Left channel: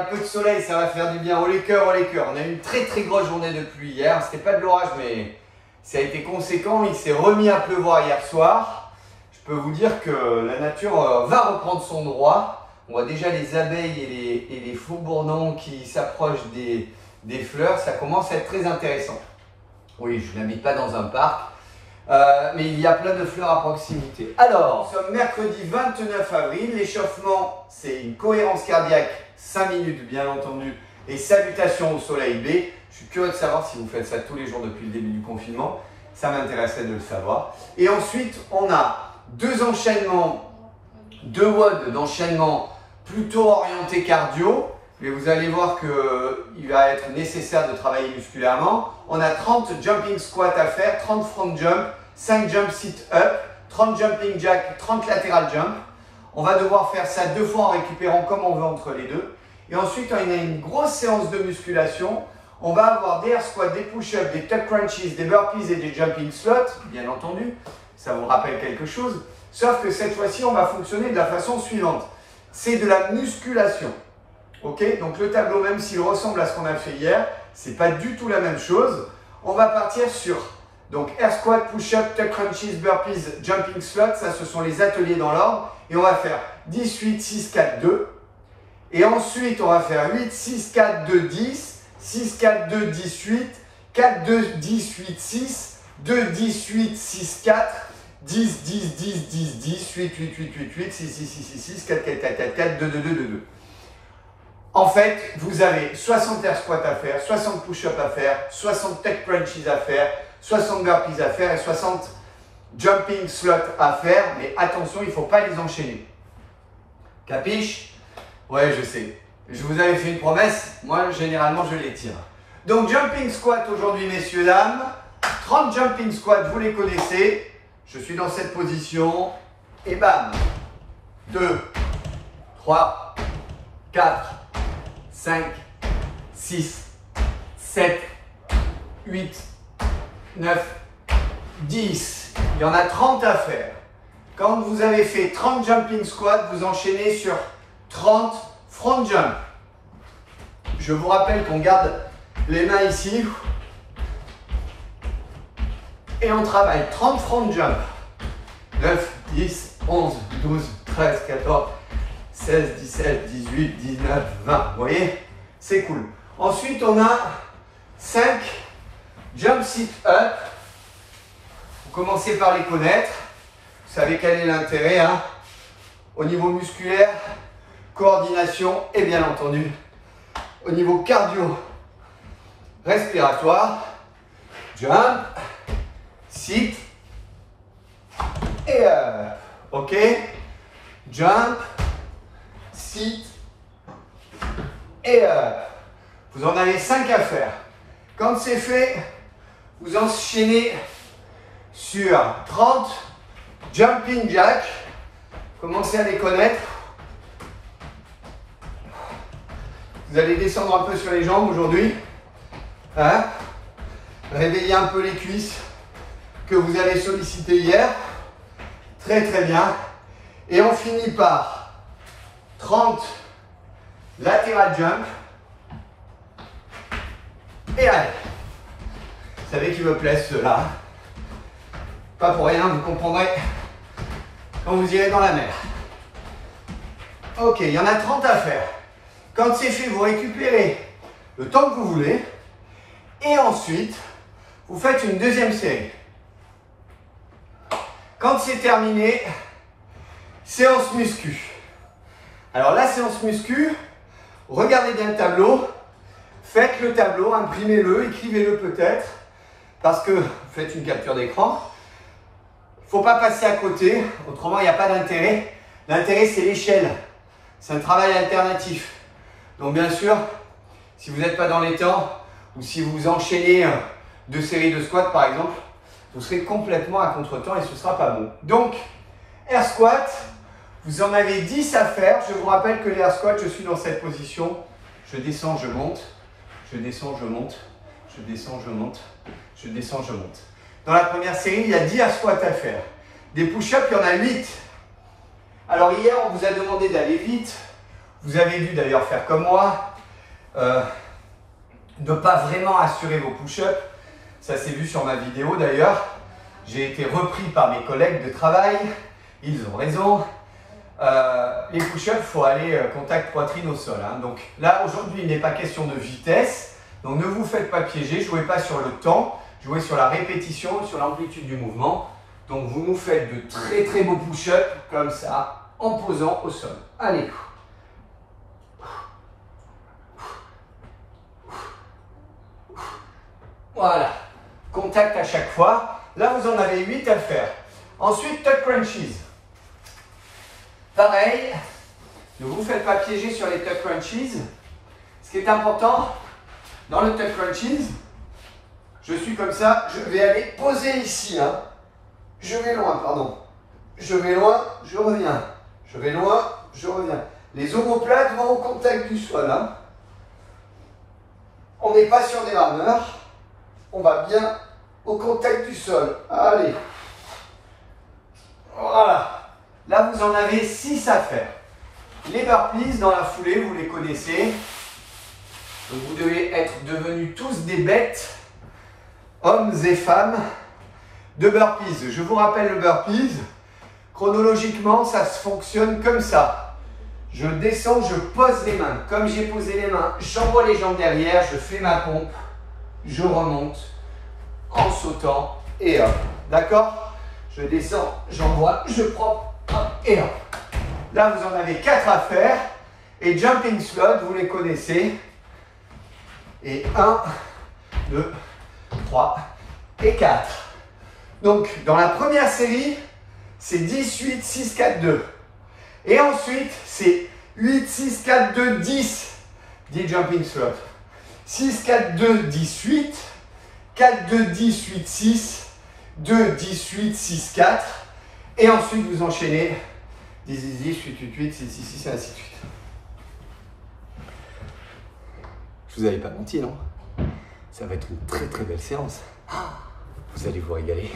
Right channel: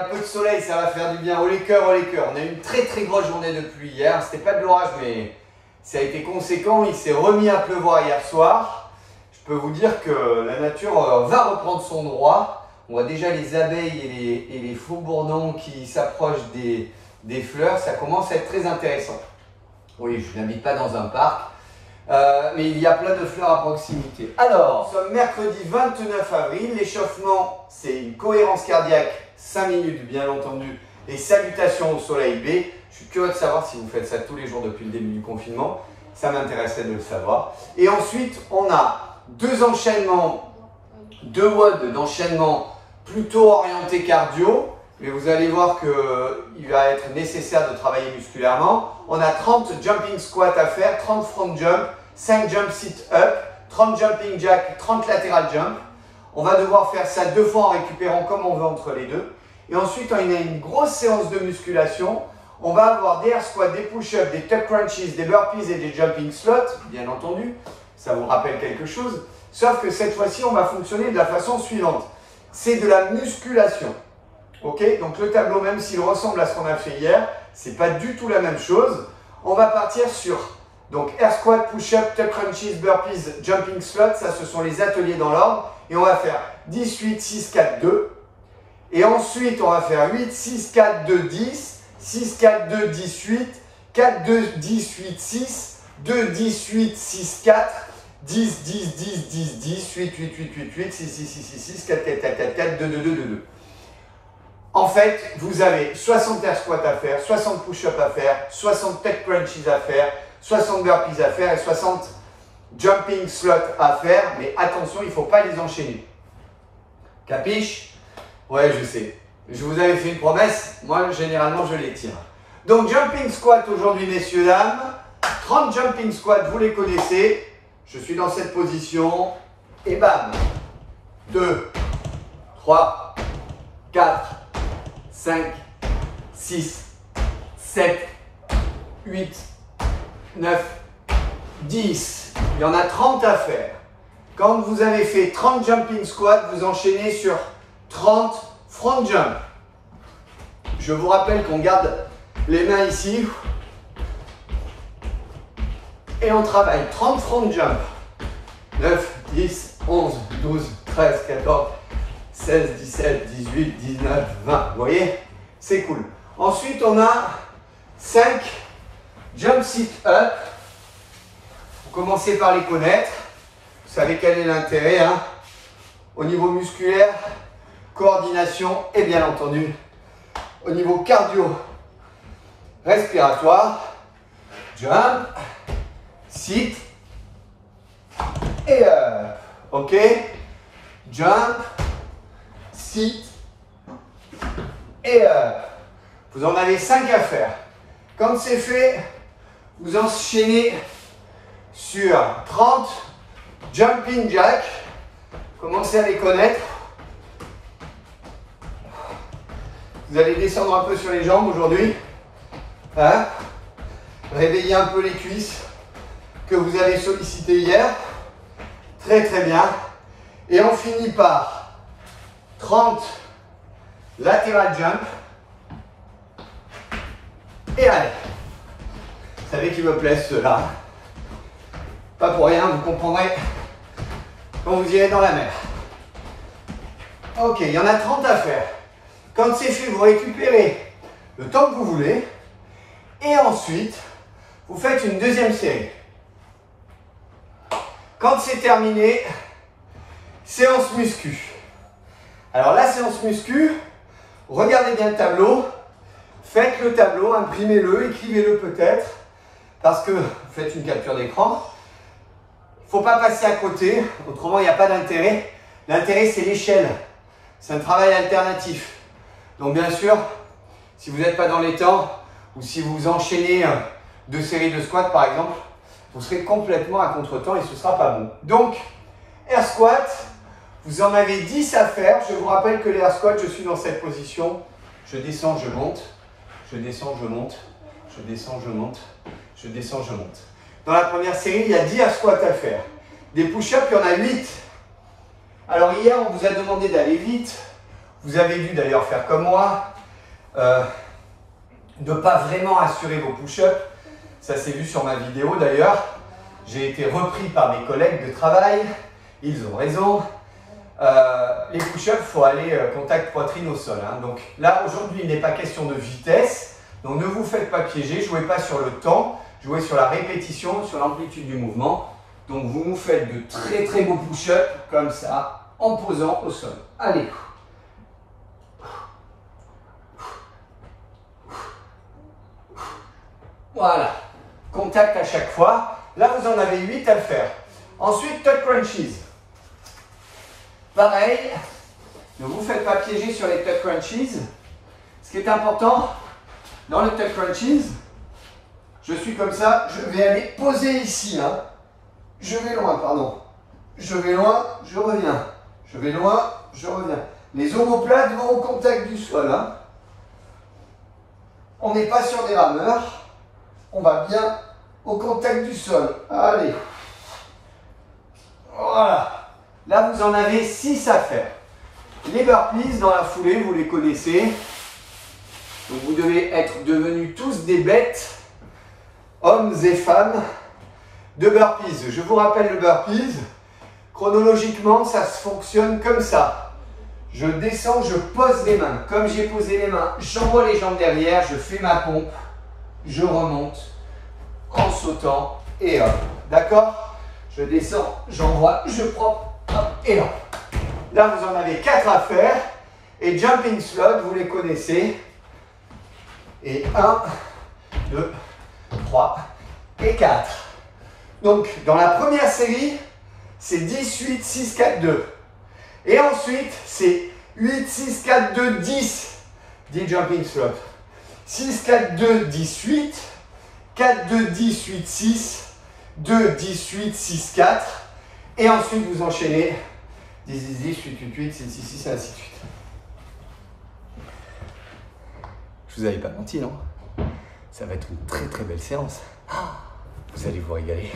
un peu de soleil, ça va faire du bien. Oh les cœurs, oh les cœurs. On a eu une très très grosse journée de pluie hier. C'était pas de l'orage, mais ça a été conséquent. Il s'est remis à pleuvoir hier soir. Je peux vous dire que la nature va reprendre son droit. On voit déjà les abeilles et les faux-bourdons qui s'approchent des fleurs. Ça commence à être très intéressant. Oui, je n'habite pas dans un parc, mais il y a plein de fleurs à proximité. Alors, nous sommes mercredi 29 avril. L'échauffement, c'est une cohérence cardiaque, 5 minutes bien entendu, et salutations au soleil B. Je suis curieux de savoir si vous faites ça tous les jours depuis le début du confinement. Ça m'intéressait de le savoir. Et ensuite, on a deux WOD d'enchaînement plutôt orientés cardio. Mais vous allez voir qu'il va être nécessaire de travailler musculairement. On a 30 jumping squats à faire, 30 front jump, 5 jump sit up, 30 jumping jack, 30 lateral jump. On va devoir faire ça 2 fois en récupérant comme on veut entre les deux. Et ensuite, on a une grosse séance de musculation. On va avoir des air squats, des push-ups, des tuck crunches, des burpees et des jumping slots, bien entendu. Ça vous rappelle quelque chose. Sauf que cette fois-ci, on va fonctionner de la façon suivante. C'est de la musculation. Ok, donc le tableau, même s'il ressemble à ce qu'on a fait hier, c'est pas du tout la même chose. On va partir sur donc air squat, push-up, tuck crunches, burpees, jumping slot. Ça, ce sont les ateliers dans l'ordre. Et on va faire 10, 8, 6, 4, 2. Et ensuite, on va faire 8, 6, 4, 2, 10, 6, 4, 2, 10, 8, 4, 2, 10, 8, 6, 2, 10, 8, 6, 4, 10, 10, 10, 10, 10, 8, 8, 8, 8, 8, 6, 6, 6, 6, 6, 4, 4, 4, 4, 4, 2, 2, 2, 2, 2. En fait, vous avez 60 air squats à faire, 60 push-ups à faire, 60 tuck crunches à faire, 60 burpees à faire et 60 jumping slots à faire. Mais attention, il ne faut pas les enchaîner. Capiche? Ouais, je sais. Je vous avais fait une promesse. Moi, généralement, je les tire. Donc, jumping squat aujourd'hui, messieurs, dames. 30 jumping squats, vous les connaissez. Je suis dans cette position. Et bam! 2, 3, 4, 5, 6, 7, 8, 9, 10. Il y en a 30 à faire. Quand vous avez fait 30 jumping squats, vous enchaînez sur 30 front jump. Je vous rappelle qu'on garde les mains ici. Et on travaille 30 front jump. 9, 10, 11, 12, 13, 14, 16, 17, 18, 19, 20. Vous voyez? C'est cool. Ensuite, on a 5 jump sit up. Vous commencez par les connaître. Vous savez quel est l'intérêt, hein? Au niveau musculaire, coordination et bien entendu, au niveau cardio, respiratoire. Jump, sit et up. Ok? Jump, sit et up. Vous en avez 5 à faire. Quand c'est fait, vous enchaînez sur 30 jumping jack. Commencez à les connaître. Vous allez descendre un peu sur les jambes aujourd'hui. Hein? Réveillez un peu les cuisses que vous avez sollicitées hier. Très très bien. Et on finit par 30 lateral jump. Et allez. Vous savez qu'ils me plaisent ceux-là. Pas pour rien, vous comprendrez quand vous irez dans la mer. Ok, il y en a 30 à faire. Quand c'est fait, vous récupérez le temps que vous voulez. Et ensuite, vous faites une deuxième série. Quand c'est terminé, séance muscu. Alors la séance muscu, regardez bien le tableau. Faites le tableau, imprimez-le, écrivez-le peut-être. Parce que vous faites une capture d'écran. Il ne faut pas passer à côté, autrement il n'y a pas d'intérêt. L'intérêt, c'est l'échelle. C'est un travail alternatif. Donc bien sûr, si vous n'êtes pas dans les temps, ou si vous enchaînez 2 séries de squats par exemple, vous serez complètement à contre-temps et ce ne sera pas bon. Donc, air squat, vous en avez 10 à faire. Je vous rappelle que l'air squat, je suis dans cette position. Je descends, je monte. Je descends, je monte. Je descends, je monte. Je descends, je monte. Dans la première série, il y a 10 air squats à faire. Des push-ups, il y en a 8. Alors hier, on vous a demandé d'aller vite. Vous avez dû d'ailleurs faire comme moi, ne pas vraiment assurer vos push-ups. Ça s'est vu sur ma vidéo d'ailleurs. J'ai été repris par mes collègues de travail. Ils ont raison. Les push-ups, il faut aller contact poitrine au sol. Hein. Donc là, aujourd'hui, il n'est pas question de vitesse. Donc ne vous faites pas piéger. Jouez pas sur le temps. Jouez sur la répétition, sur l'amplitude du mouvement. Donc vous nous faites de très très beaux push-ups comme ça, en posant au sol. Allez. Voilà. Contact à chaque fois. Là, vous en avez 8 à faire. Ensuite, tuck crunches. Pareil, ne vous faites pas piéger sur les tuck crunches. Ce qui est important, dans le tuck crunches, je suis comme ça, je vais aller poser ici. Hein. Je vais loin, pardon. Je vais loin, je reviens. Je vais loin, je reviens. Les omoplates vont au contact du sol. Hein. On n'est pas sur des rameurs. On va bien au contact du sol. Allez. Voilà. Là, vous en avez 6 à faire. Les burpees, dans la foulée, vous les connaissez. Donc, vous devez être devenus tous des bêtes, hommes et femmes, de burpees. Je vous rappelle le burpees. Chronologiquement, ça se fonctionne comme ça. Je descends, je pose les mains. Comme j'ai posé les mains, j'envoie les jambes derrière, je fais ma pompe, je remonte en sautant et hop. D'accord? Je descends, j'envoie, je prends. Et hop. Là, vous en avez 4 à faire. Et jumping slot, vous les connaissez. Et 1, 2, 3 et 4. Donc, dans la première série, c'est 10, 8, 6, 4, 2. Et ensuite, c'est 8, 6, 4, 2, 10. 10 jumping slot. 6, 4, 2, 10, 8. 4, 2, 10, 8, 6. 2, 10, 8, 6, 4. Et ensuite, vous enchaînez 10, 10, 10, 8, 8, 8, 6, 6, 6, ainsi de suite. Je vous avais pas menti, non? Ça va être une très très belle séance. Vous allez vous régaler.